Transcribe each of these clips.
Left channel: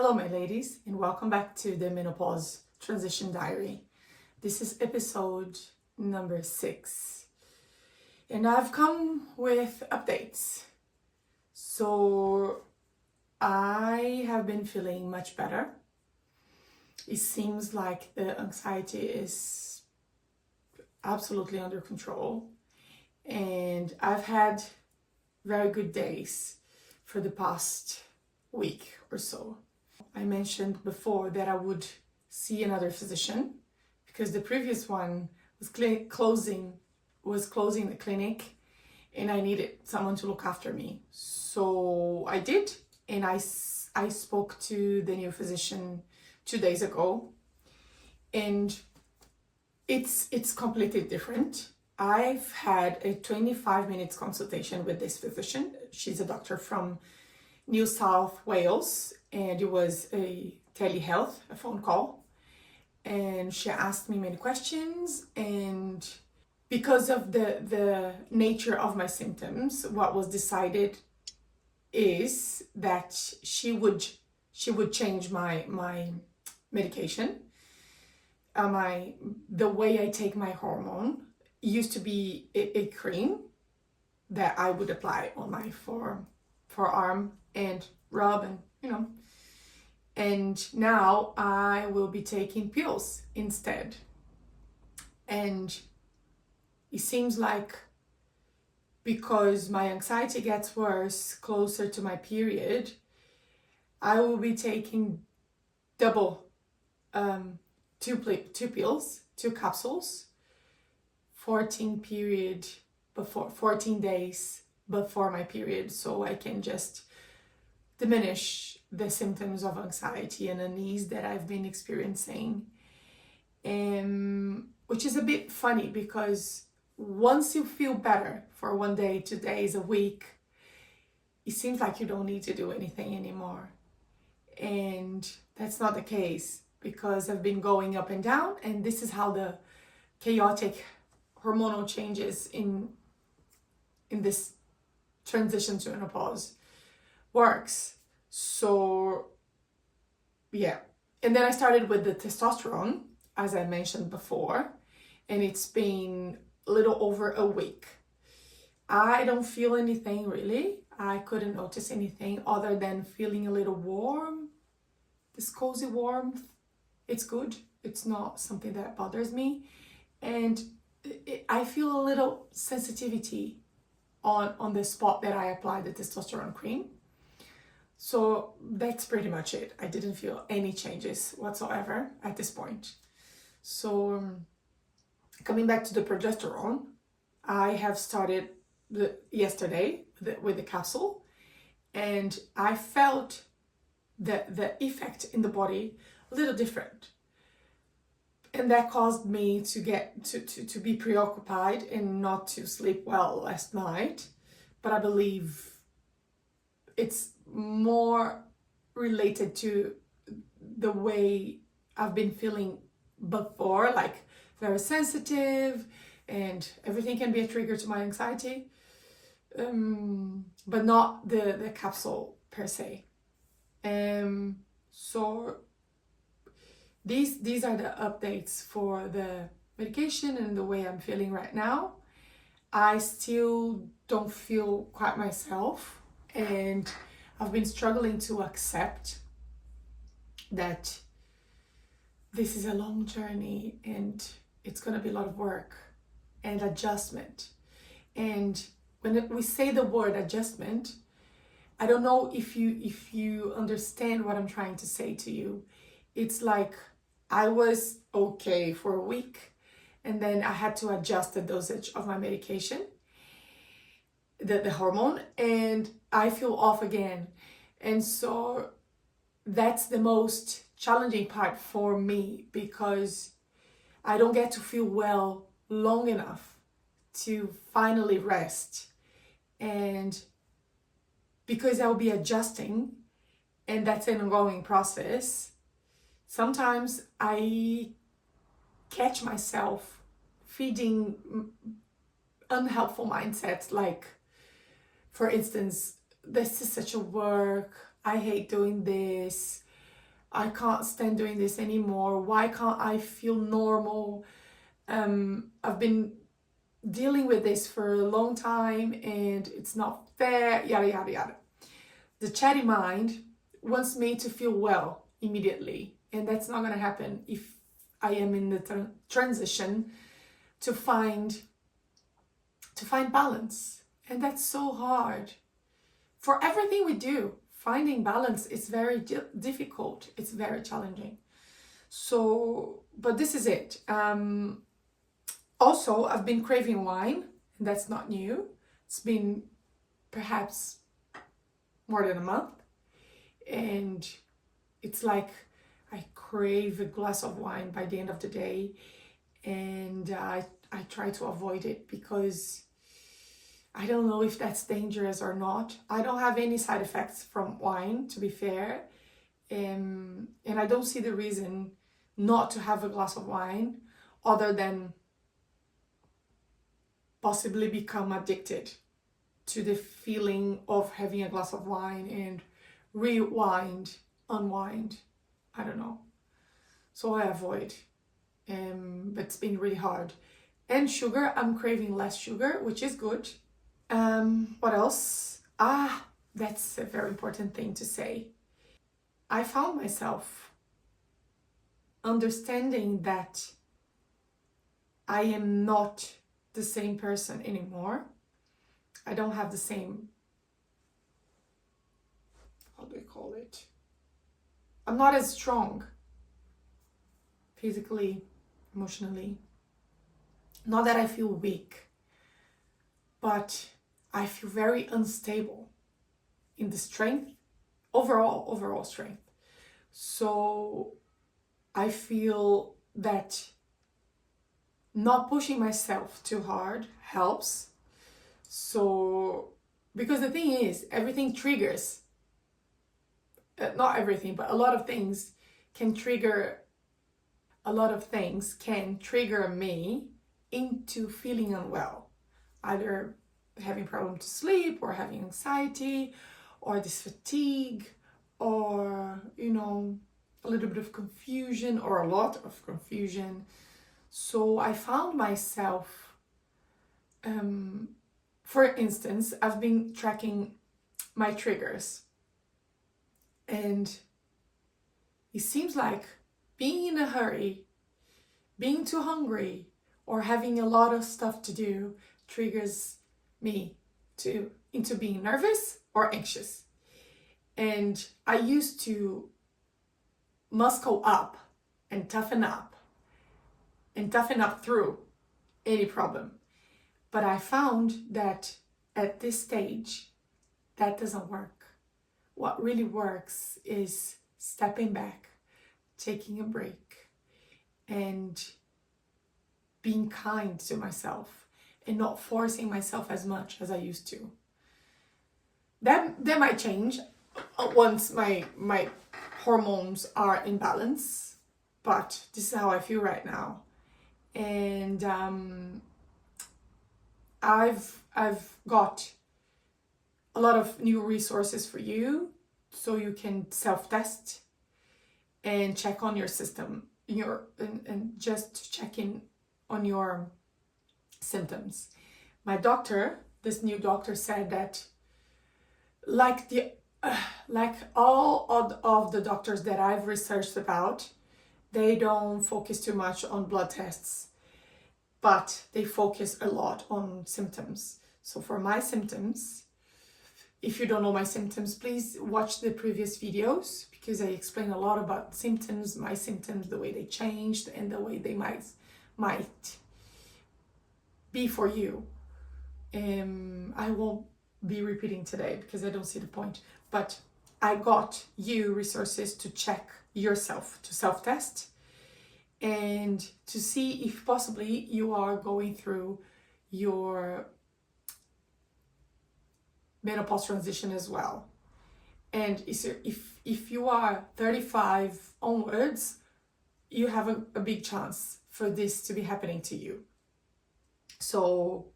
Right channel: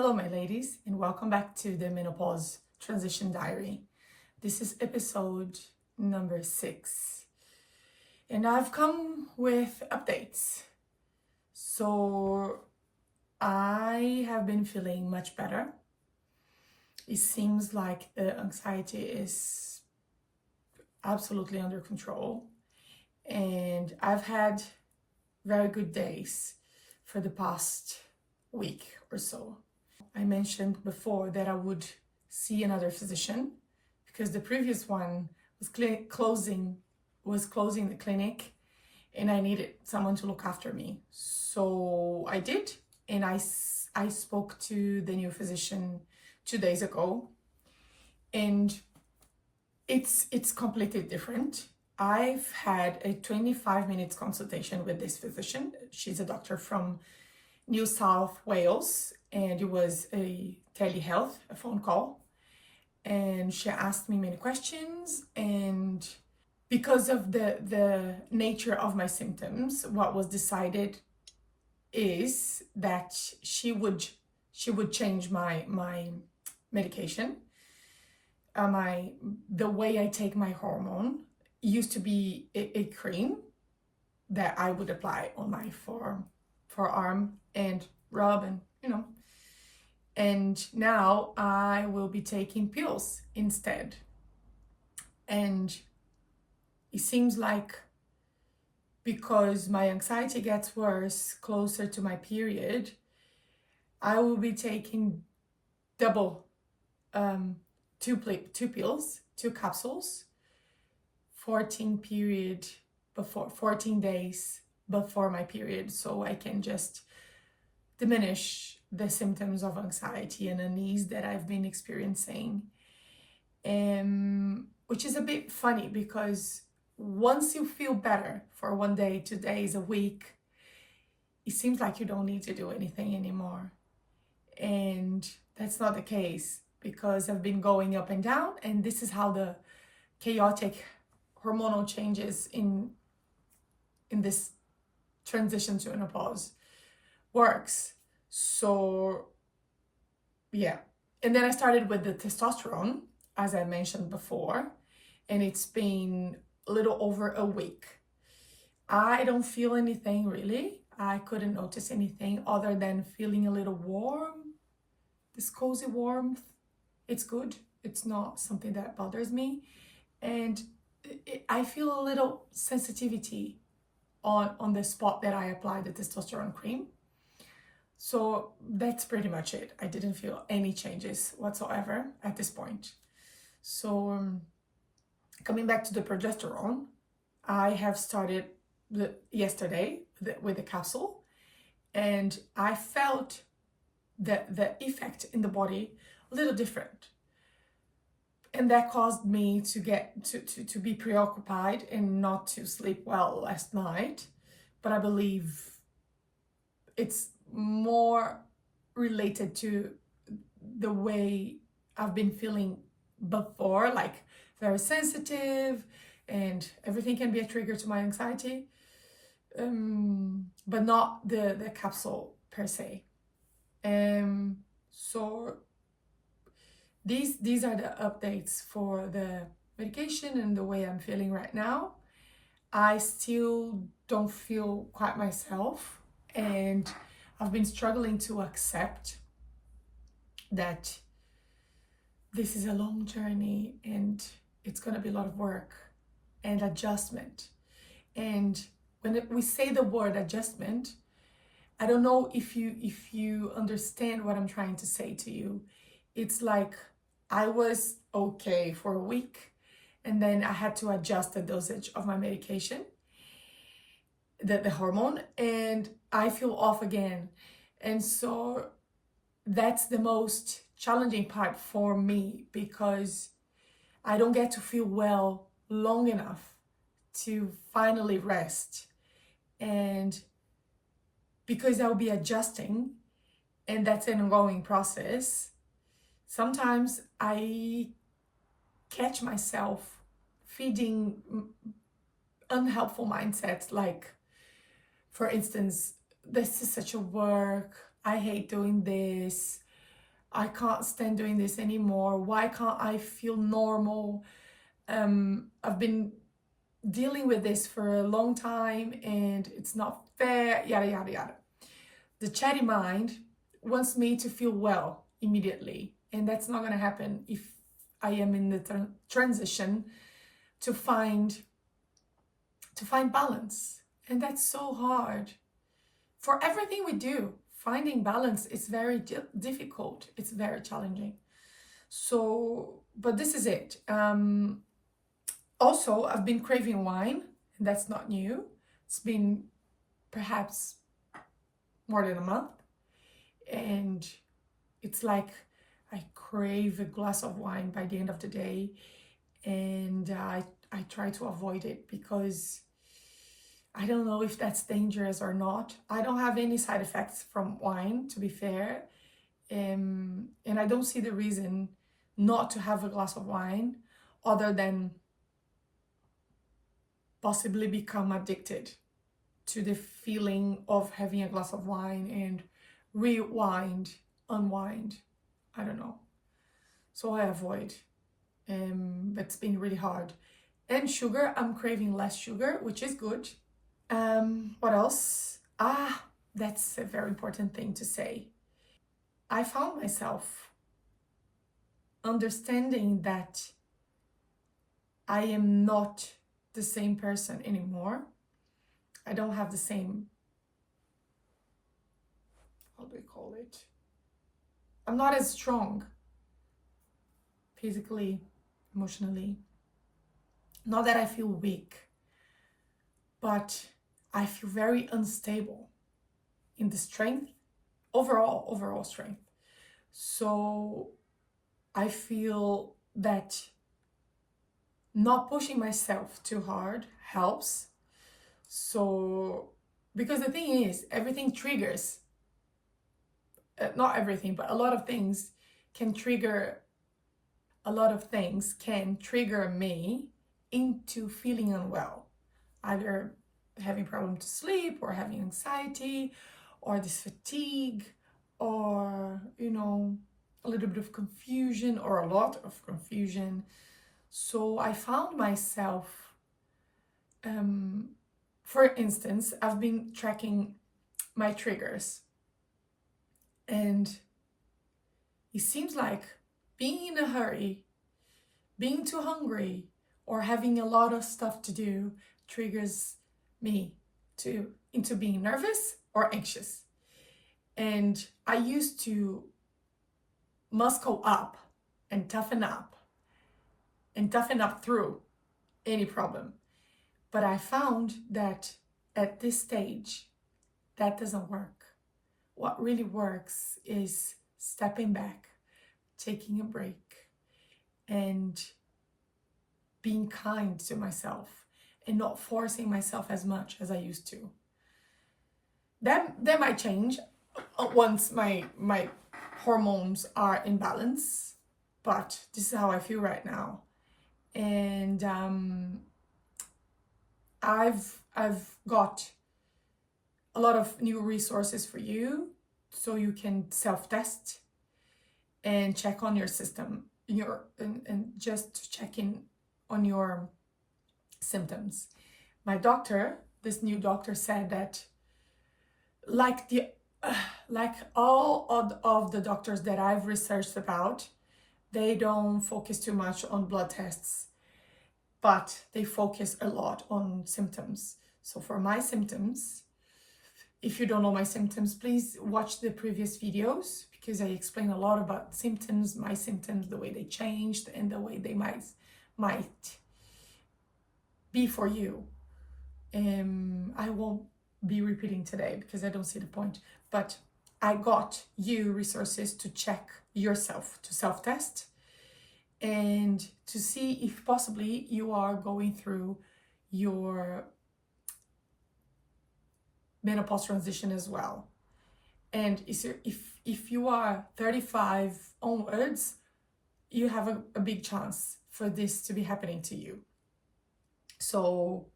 Hello, my ladies, and welcome back to the Menopause Transition Diary. This is episode number 6, and I've come with updates. So I have been feeling much better. It seems like the anxiety is absolutely under control, and I've had very good days for the past week or so. I mentioned before that I would see another physician because the previous one was closing the clinic and I needed someone to look after me. So I did, and I spoke to the new physician 2 days ago, and it's completely different. I've had a 25 minutes consultation with this physician. She's a doctor from New South Wales, and it was a telehealth, a phone call, and she asked me many questions. And because of the nature of my symptoms, what was decided is that she would change my medication. The way I take my hormone used to be a cream that I would apply on my forearm and rub, and and now I will be taking pills instead. And it seems like because my anxiety gets worse closer to my period, I will be taking double, 2 pills, 2 capsules, 14 days before my period, so I can just diminish the symptoms of anxiety and unease that I've been experiencing. Which is a bit funny because once you feel better for 1 day, 2 days, a week, it seems like you don't need to do anything anymore. And that's not the case, because I've been going up and down, and this is how the chaotic hormonal changes in this transition to menopause works. So yeah, and then I started with the testosterone, as I mentioned before, and it's been a little over a week. I don't feel anything really. I couldn't notice anything other than feeling a little warm, this cozy warmth. It's good. It's not something that bothers me, and I feel a little sensitivity on the spot that I applied the testosterone cream. So that's pretty much it. I didn't feel any changes whatsoever at this point. So coming back to the progesterone, I have started yesterday with the capsule, and I felt the effect in the body a little different. And that caused me to get to be preoccupied and not to sleep well last night. But I believe it's more related to the way I've been feeling before, like very sensitive, and everything can be a trigger to my anxiety, but not the capsule per se. So these are the updates for the medication and the way I'm feeling right now. I still don't feel quite myself, and I've been struggling to accept that this is a long journey and it's going to be a lot of work and adjustment. And when we say the word adjustment, I don't know if you understand what I'm trying to say to you. It's like I was okay for a week, and then I had to adjust the dosage of my medication, the hormone, and I feel off again. And so that's the most challenging part for me, because I don't get to feel well long enough to finally rest. And because I'll be adjusting, and that's an ongoing process, sometimes I catch myself feeding unhelpful mindsets, like, for instance, this is such a work, I hate doing this, I can't stand doing this anymore. Why can't I feel normal? I've been dealing with this for a long time and it's not fair, yada, yada, yada. The chatty mind wants me to feel well immediately, and that's not going to happen if I am in the transition to find balance. And that's so hard. For everything we do, finding balance is very difficult. It's very challenging. So, but this is it. Also, I've been craving wine, and that's not new. It's been perhaps more than a month. And it's like I crave a glass of wine by the end of the day. And I try to avoid it because I don't know if that's dangerous or not. I don't have any side effects from wine, to be fair. And I don't see the reason not to have a glass of wine other than possibly become addicted to the feeling of having a glass of wine and unwind. I don't know. So I avoid. But it's been really hard. And sugar, I'm craving less sugar, which is good. What else? That's a very important thing to say. I found myself understanding that I am not the same person anymore. I don't have the same, how do you call it? I'm not as strong physically, emotionally. Not that I feel weak, but I feel very unstable in the strength, overall strength. So I feel that not pushing myself too hard helps. So, because the thing is, everything triggers, not everything, but a lot of things can trigger me into feeling unwell, either having problem to sleep or having anxiety or this fatigue or, a little bit of confusion or a lot of confusion. So I found myself, for instance, I've been tracking my triggers, and it seems like being in a hurry, being too hungry, or having a lot of stuff to do triggers me into being nervous or anxious. And I used to muscle up and toughen up through any problem. But I found that at this stage, that doesn't work. What really works is stepping back, taking a break, and being kind to myself and not forcing myself as much as I used to. That might change once my hormones are in balance, but this is how I feel right now. And I've got a lot of new resources for you, so you can self-test and check on your system, and just check in on your symptoms. My doctor, this new doctor, said that like all of the doctors that I've researched about, they don't focus too much on blood tests, but they focus a lot on symptoms. So for my symptoms, if you don't know my symptoms, please watch the previous videos, because I explain a lot about symptoms, my symptoms, the way they changed and the way they might be for you. I won't be repeating today because I don't see the point, but I got you resources to check yourself, to self-test, and to see if possibly you are going through your menopause transition as well. And if you are 35 onwards, you have a big chance for this to be happening to you. So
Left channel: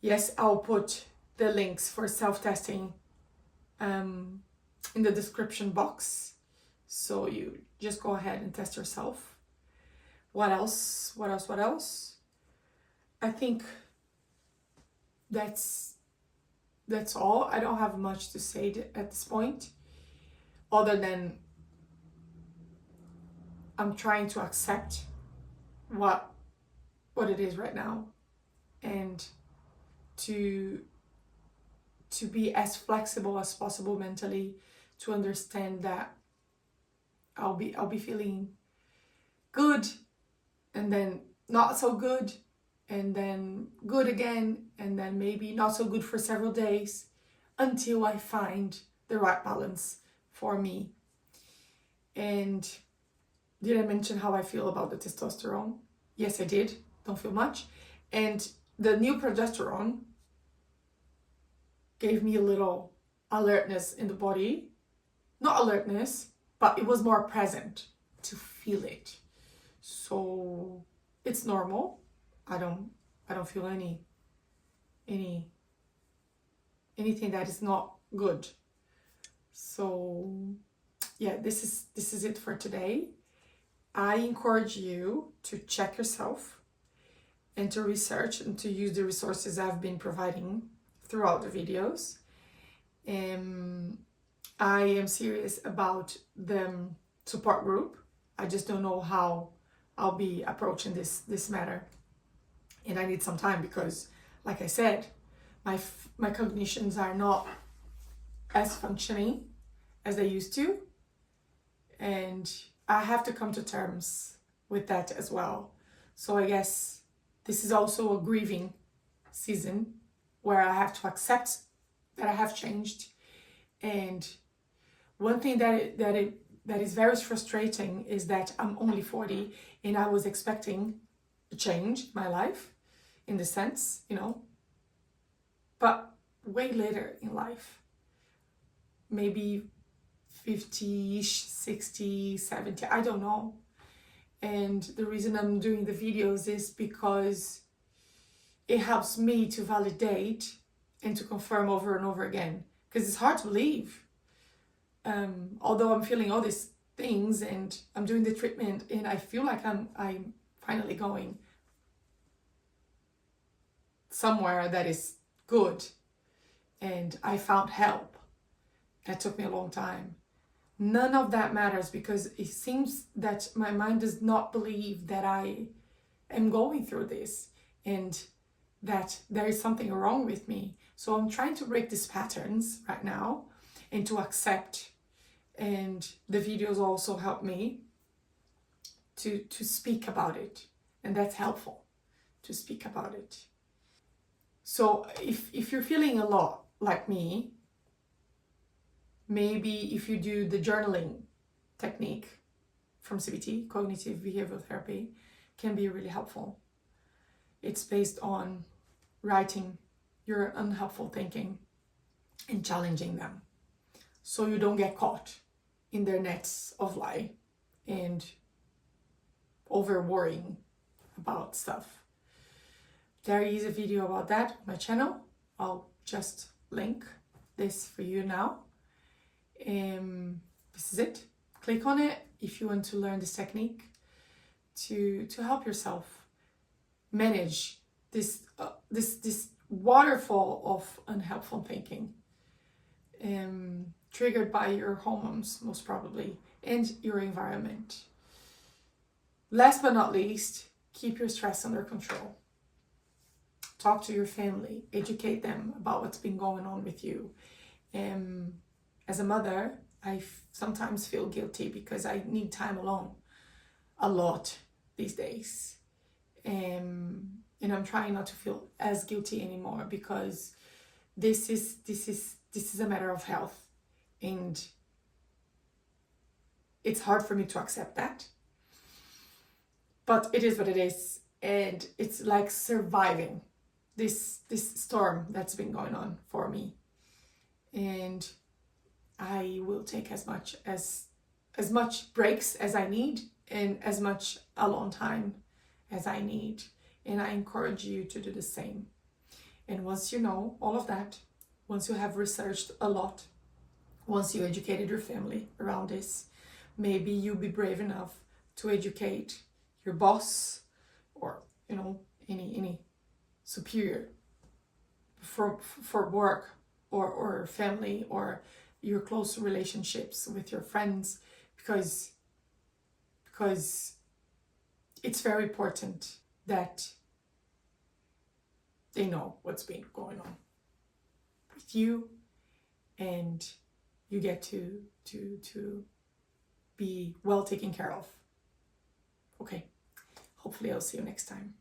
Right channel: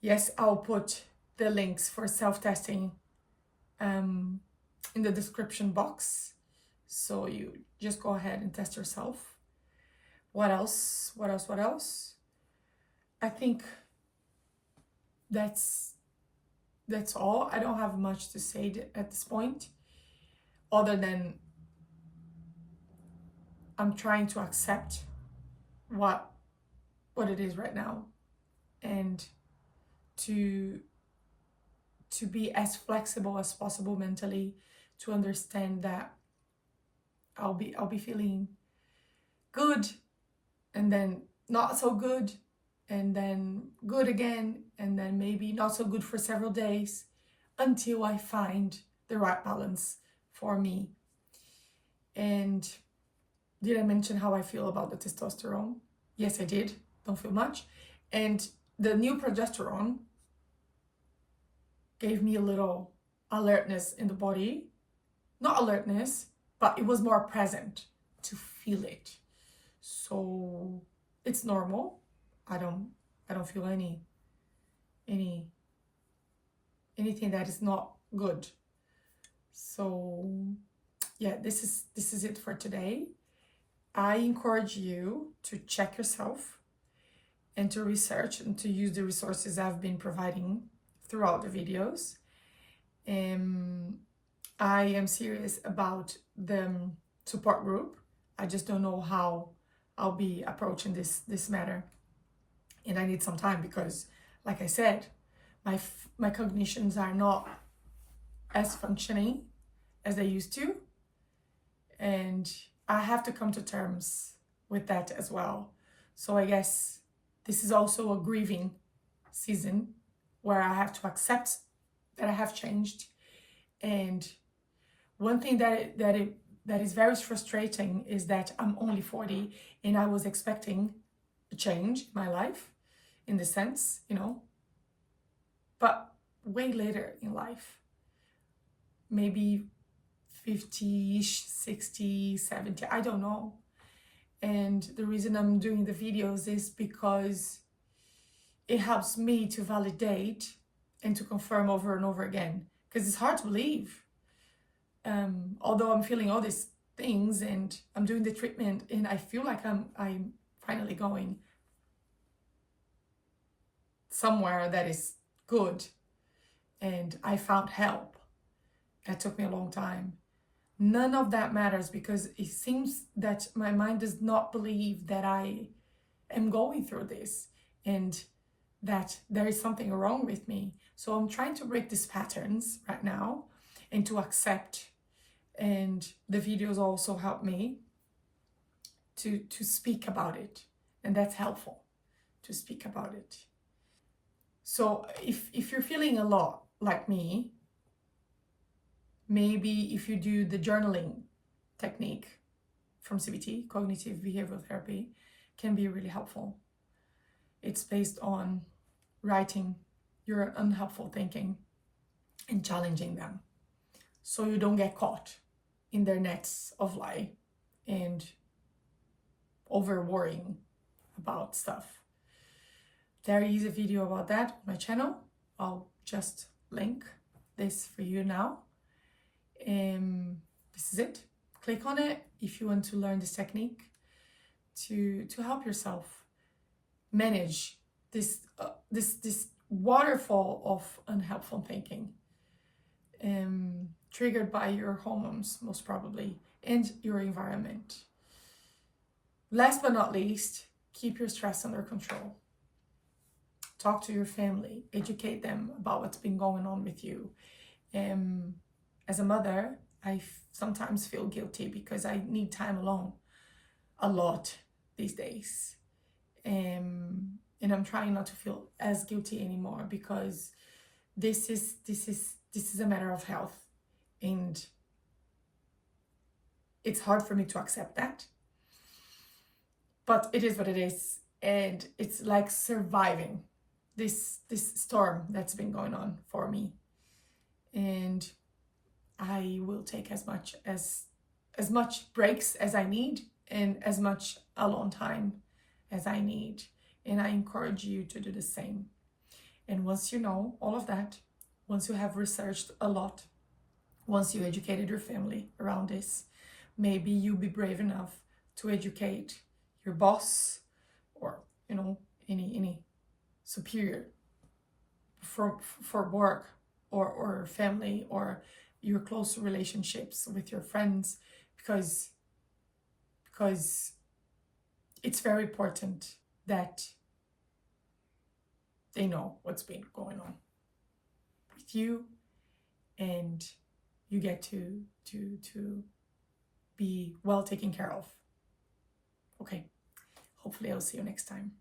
yes, I'll put the links for self-testing in the description box, So you just go ahead and test yourself. What else? I think that's all. I don't have much to say at this point, other than I'm trying to accept what it is right now, and to be as flexible as possible mentally, to understand that I'll be feeling good, and then not so good, and then good again, and then maybe not so good for several days, until I find the right balance for me. And did I mention how I feel about the testosterone? Yes, I did. Don't feel much. And the new progesterone gave me a little alertness in the body. Not alertness, but it was more present to feel it. So it's normal. I don't feel anything that is not good. So yeah, this is it for today. I encourage you to check yourself and to research and to use the resources I've been providing throughout the videos. I am serious about the support group. I just don't know how I'll be approaching this matter, and I need some time because, like I said, my cognitions are not as functioning as they used to, and I have to come to terms with that as well. So I guess this is also a grieving season where I have to accept that I have changed. And one thing that is very frustrating is that I'm only 40 and I was expecting a change in my life, in the sense, but way later in life, maybe 50-ish, 60, 70, I don't know. And the reason I'm doing the videos is because it helps me to validate and to confirm over and over again, because it's hard to believe. Although I'm feeling all these things and I'm doing the treatment and I feel like I'm finally going somewhere that is good, and I found help. That took me a long time. None of that matters, because it seems that my mind does not believe that I am going through this and that there is something wrong with me. So I'm trying to break these patterns right now and to accept. And the videos also help me to speak about it. And that's helpful, to speak about it. So if you're feeling a lot like me, maybe if you do the journaling technique from CBT, cognitive behavioral therapy, can be really helpful. It's based on writing your unhelpful thinking and challenging them, so you don't get caught in their nets of lie and over worrying about stuff. There is a video about that on my channel. I'll just link this for you now. This is it. Click on it if you want to learn this technique to help yourself manage this waterfall of unhelpful thinking, triggered by your hormones most probably, and your environment. Last but not least, keep your stress under control. Talk to your family, educate them about what's been going on with you. As a mother, I sometimes feel guilty because I need time alone a lot these days. And I'm trying not to feel as guilty anymore, because this is a matter of health, and it's hard for me to accept that. But it is what it is, and it's like surviving this storm that's been going on for me. And I will take as much breaks as I need, and as much alone time as I need. And I encourage you to do the same. And once you know all of that, once you have researched a lot, once you educated your family around this, maybe you be brave enough to educate your boss or, you know, any superior for work or family, or your close relationships with your friends, because it's very important that they know what's been going on with you, and you get to be well taken care of. Okay, hopefully I'll see you next time.